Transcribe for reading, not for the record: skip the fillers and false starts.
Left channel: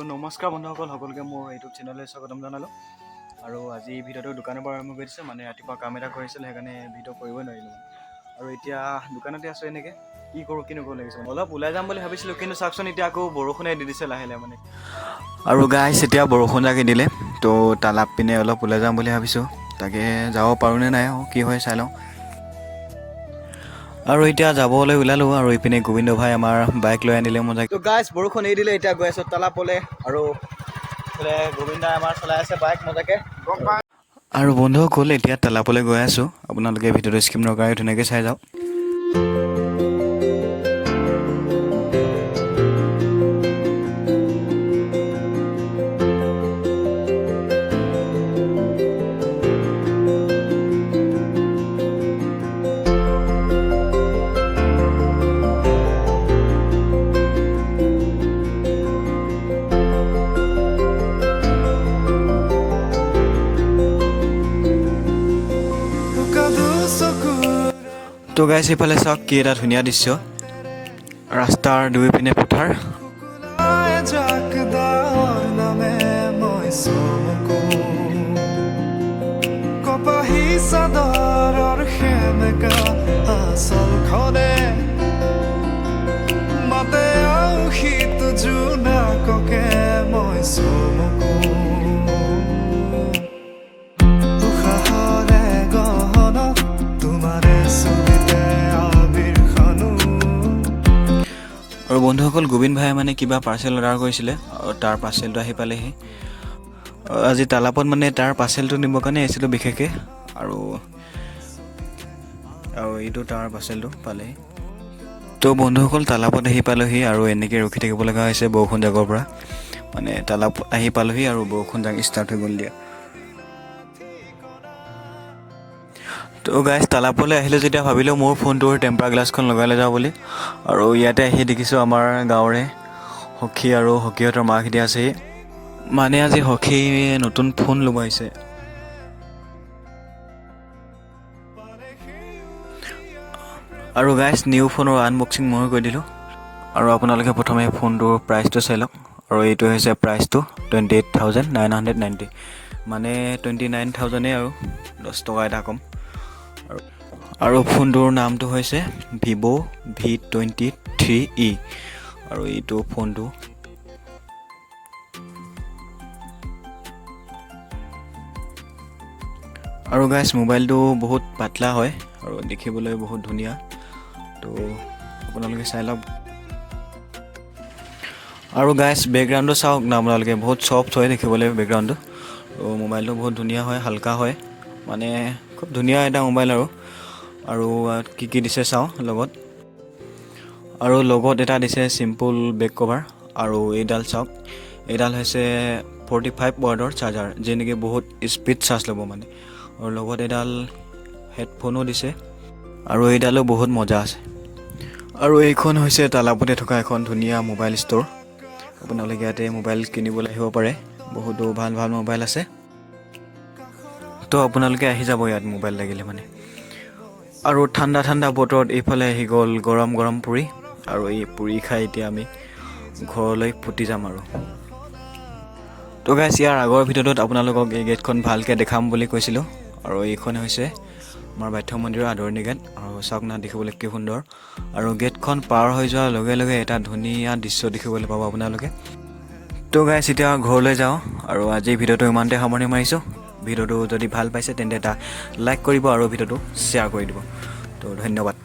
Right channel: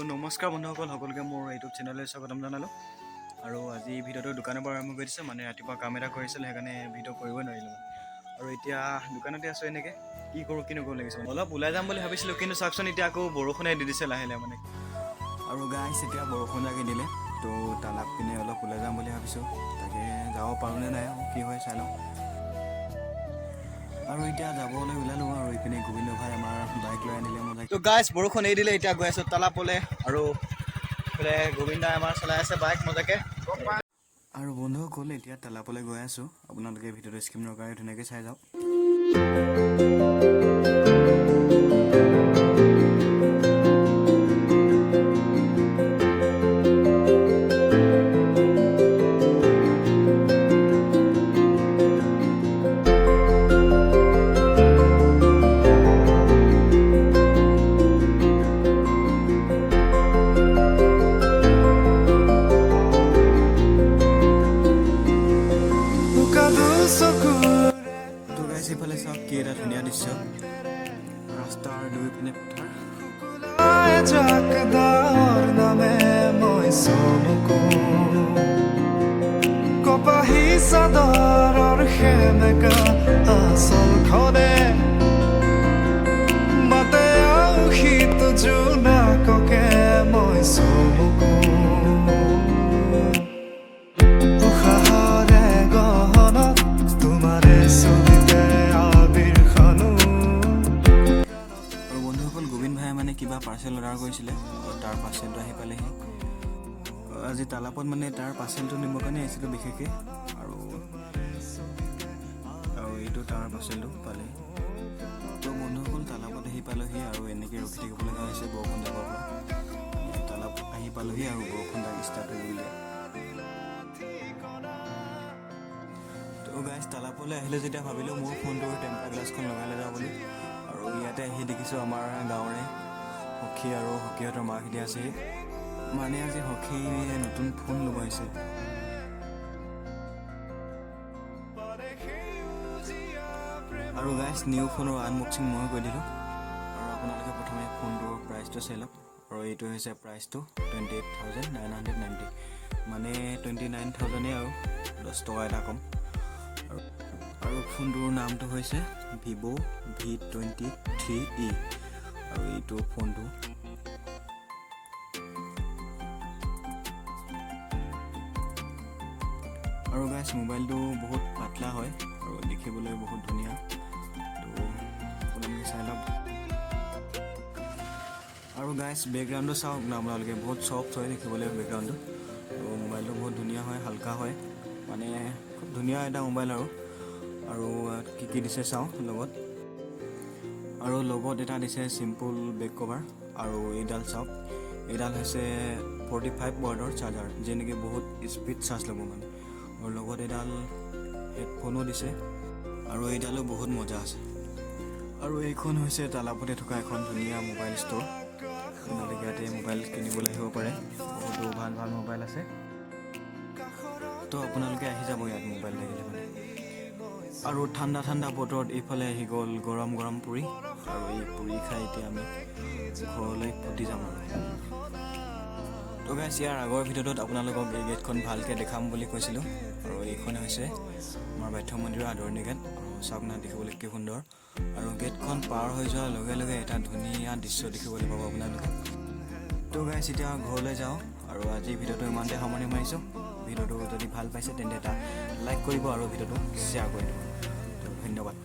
তো নমস্কাৰ বন্ধুসকল, সকলোকে মোৰ ইউটিউব চেনেললৈ স্বাগতম জনালোঁ। আৰু আজি ভিডিঅ'টো দোকানৰ পৰা আৰম্ভ কৰিছে, মানে ৰাতিপুৱা কাম এটা কৰিছিল, সেইকাৰণে ভিডিঅ' কৰিবই নোৱাৰিলোঁ। আৰু এতিয়া দোকানতে আছোঁ, এনেকৈ কি কৰোঁ কি নকৰোঁ লাগিছে। অলপ ওলাই যাম বুলি ভাবিছিলোঁ, কিন্তু চাওকচোন এতিয়া আকৌ বৰষুণে দি দিছে লাহে লাহে মানে। আৰু গাইছ এতিয়া বৰষুণ জাকি দিলে, তো তালাপ পিনে অলপ ওলাই যাম বুলি ভাবিছোঁ। তাকে যাব পাৰোঁনে নাই কি হয় চাই লওঁ। আৰু এতিয়া যাবলৈ ওলালোঁ, আৰু ইপিনে গোবিন্দ ভাই আমাৰ বাইক লৈ আনিলে মজা। তো গাইছ বৰষুণ এৰি দিলে, এতিয়া গৈ আছোঁ তালাপলৈ। আৰু গোবিন্দাই আমাৰ চলাই আছে বাইক মজাকৈ। আৰু বন্ধুসকল এতিয়া তালাপলৈ গৈ আছোঁ, আপোনালোকে ভিডিঅ'টো স্কিপ নকৰাকৈ ধুনীয়াকৈ চাই যাওক। তো গাইছ এইফালে চাওক কি এটা ধুনীয়া দৃশ্য, ৰাস্তাৰ দুই পিনে পথাৰ। কপাহী চাদৰৰ সেমেকা আচলখনে মাতে শীত জোনাককে মই চমকো। উশাহৰে গহনত তোমাৰে ছবিতে আবিৰ খানো। আৰু বন্ধুসকল গোবিন্দ ভাই মানে কিবা পাৰ্চেল অৰ্ডাৰ কৰিছিলে, আৰু তাৰ পাৰ্চেলটো আহি পালেহি। আজি তালাপত মানে তাৰ পাৰ্চেলটো নিবৰ কাৰণে আহিছিলোঁ বিশেষকৈ, আৰু এইটো তাৰ পাৰ্চেলটো পালেহি। তো বন্ধুসকল তালাপত আহি পালোহি, আৰু এনেকৈ ৰখি থাকিব লগা হৈছে বৰষুণ জাকৰ পৰা। মানে তালাপ আহি পালোহি আৰু বৰষুণ জাক ষ্টাৰ্ট হৈ গ'ল দিয়া। তো গাইছ তালাপলৈ আহিলোঁ যেতিয়া ভাবিলোঁ মোৰ ফোনটোৰ টেম্পাৰ গ্লাছখন লগাই লৈ যাওঁ বুলি। আৰু ইয়াতে আহি দেখিছোঁ আমাৰ গাঁৱৰে সখী আৰু সখীহঁতৰ মাকহঁতে আছেহি। মানে আজি সখী নতুন ফোন ল'ব আহিছে। আৰু গাইছ নিউ ফোনৰ আনবক্সিং ময়ো কৰি দিলোঁ। আৰু আপোনালোকে প্ৰথমে ফোনটোৰ প্ৰাইচটো চাই লওক। আৰু এইটো হৈছে প্ৰাইচটো 28,990, মানে 29,000 আৰু 10 টকা এটা কম। আৰু ফোনটোৰ নামটো হৈছে ভিভ' V23e। আৰু এইটো ফোনটো আৰু গাইছ মোবাইলটো বহুত পাতলা হয় আৰু দেখিবলৈ বহুত ধুনীয়া। তো আপোনালোকে চাই লওক। আৰু গাইছ বেকগ্ৰাউণ্ডটো চাওক না আপোনালোকে, বহুত ছফ্ট হয় দেখিবলৈ বেকগ্ৰাউণ্ডটো। তো মোবাইলটো বহুত ধুনীয়া হয়, হালকা হয়, মানে খুব ধুনীয়া এটা মোবাইল। আৰু কি কি দিছে চাওঁ লগত। আৰু লগত এটা দিছে চিম্পুল বেক কভাৰ। আৰু এইডাল চাওক, এইডাল হৈছে 45 ৱাটৰ চাৰ্জাৰ, যি নেকি বহুত স্পীড চাৰ্জ ল'ব মানে। আৰু লগত এডাল হেডফোনো দিছে, আৰু এইডালো বহুত মজা আছে। আৰু এইখন হৈছে তালাপতে থকা এখন ধুনীয়া মোবাইল ষ্ট'ৰ। আপোনালোকে ইয়াতে মোবাইল কিনিবলৈ আহিব পাৰে, বহুতো ভাল ভাল মোবাইল আছে। তো আপোনালোকে আহি যাব ইয়াত মোবাইল লাগিলে মানে। আৰু ঠাণ্ডা ঠাণ্ডা বতৰত এইফালে আহি গ'ল গৰম গৰম পুৰি, আৰু এই পুৰি খাই এতিয়া আমি ঘৰলৈ ফুটি যাম আৰু। তো গাইছ ইয়াৰ আগৰ ভিডিঅ'টোত আপোনালোকক এই গেটখন ভালকৈ দেখাম বুলি কৈছিলোঁ। আৰু এইখন হৈছে আমাৰ বাথৌ মন্দিৰৰ আদৰণি গেট। আৰু চাওক না দেখিবলৈ কি সুন্দৰ। আৰু গেটখন পাৰ হৈ যোৱাৰ লগে লগে এটা ধুনীয়া দৃশ্য দেখিবলৈ পাব আপোনালোকে। তো গাইছ এতিয়া ঘৰলৈ যাওঁ, আৰু আজিৰ ভিডিঅ'টো ইমানতে সামৰণি মাৰিছোঁ। ভিডিঅ'টো যদি ভাল পাইছে তেন্তে এটা লাইক কৰিব আৰু ভিডিঅ'টো শ্বেয়াৰ কৰি দিব। তো ধন্যবাদ।